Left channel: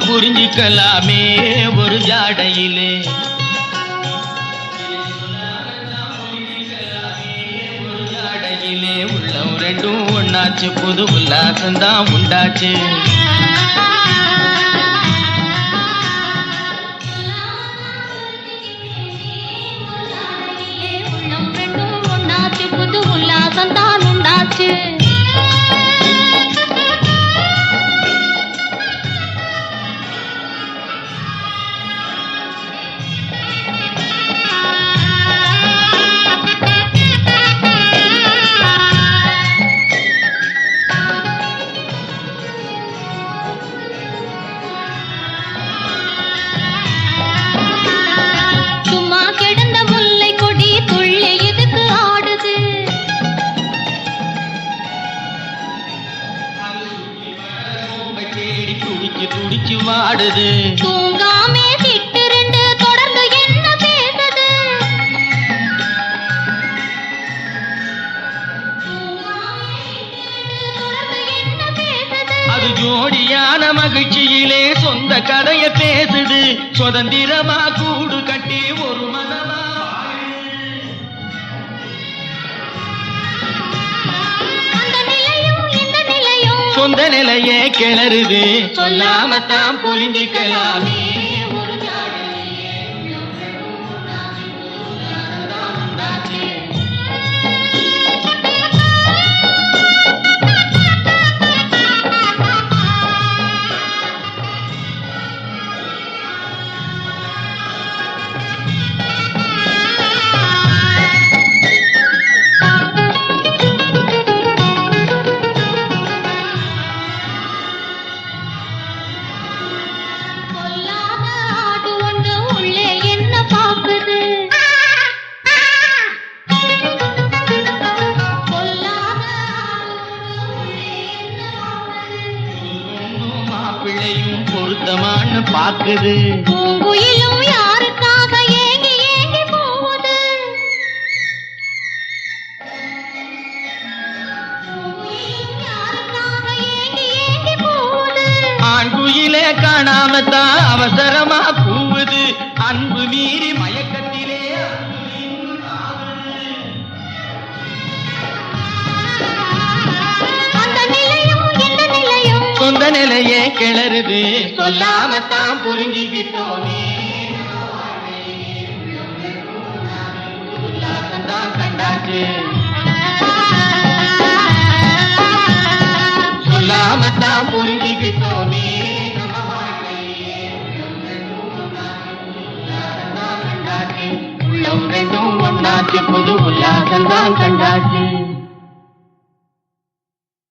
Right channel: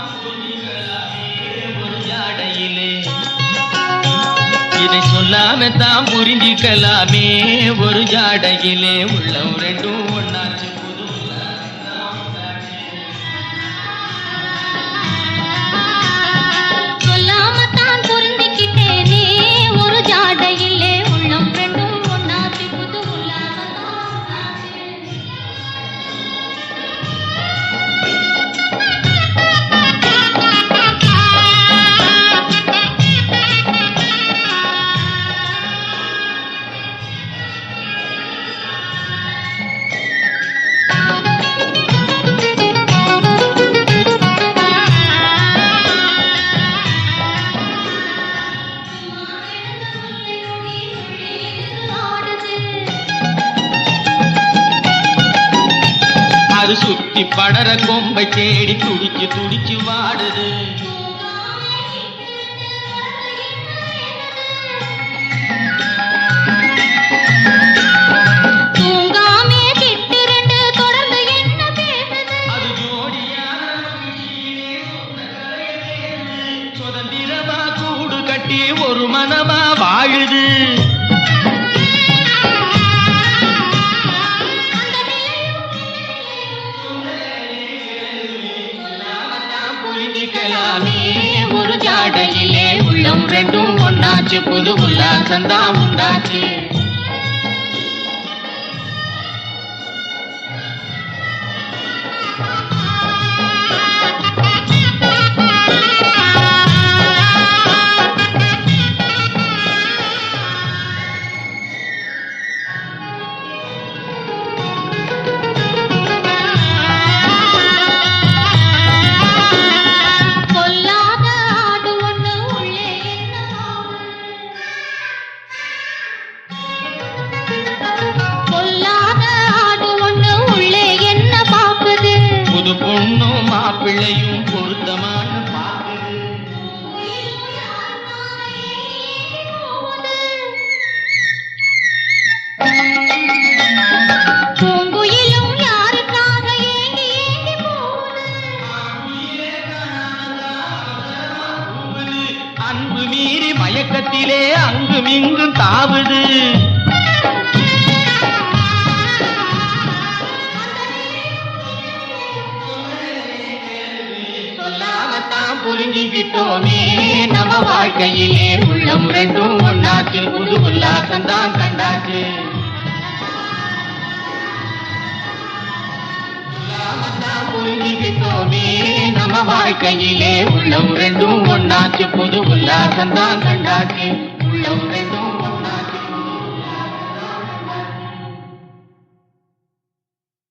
சொல்லாமத்தான் புரிஞ்சிக்கலாமே ஒரு ஜாடையிலே. இதை சொல்லாமத்தான் புரிஞ்சிக்கலாமே ஒரு ஜாடையிலே. உள்ளம் ரெண்டும் ஒன்னாச்சு, புது உல்லாசந்தான் உண்டாச்சு. சுத்தி படர கொம்பை தேடி துடிச்சு துடிச்சு வாடுது. தூங்காமே சிட்டு ரெண்டு தொடர்ந்து என்ன பேசுது. தூங்காமே சிட்டு ரெண்டு தொடர்ந்து என்ன பேசுது. அது ஜோடியான மகிழ்ச்சியிலே சொந்த கதைய பேசுது. சுதந்திரமா கூடு கட்டி ஒரு மனமா வாழுது. சொந்த நிலையே கிளறுது. சொல்லாமத்தான் புரிஞ்சிக்கலாமே ஒரு ஜாடையிலே. உள்ளம் ரெண்டும் ஒன்னாச்சு, புது உல்லாசந்தான் உண்டாச்சு. பிள்ளையும் பொருத்தமான்னு பாக்குது. பூங்குயிலும் யாருக்காக ஏங்கி ஏங்கி போகுது. பூங்குயிலும் யாருக்காக ஏங்கி ஏங்கி போகுது. ஆண் குயிலே காணாமத்தான் அவசரமா கூவுது. அன்பு மீறி மயக்கத்திலே அங்கும் இங்கும் தாவுது. சொந்த நிலையே கிளறுது. சொல்லாமத்தான் புரிஞ்சுக்கிட்டோமே நம்ம வாழ்க்கையிலே. உள்ளம் ரெண்டும் ஒன்னாச்சு, புது உல்லாசந்தான் கண்டாச்சு. சொல்லாமத்தான் புரிஞ்சுக்கிட்டோமே நம்ம வாழ்க்கையிலே. உள்ளம் ரெண்டும் ஒன்னாச்சு, புது உல்லாசந்தான் கண்டாச்சு. உள்ளம் ரெண்டும் ஒன்னாச்சு, புது உல்லாசந்தான் கண்டாச்சு.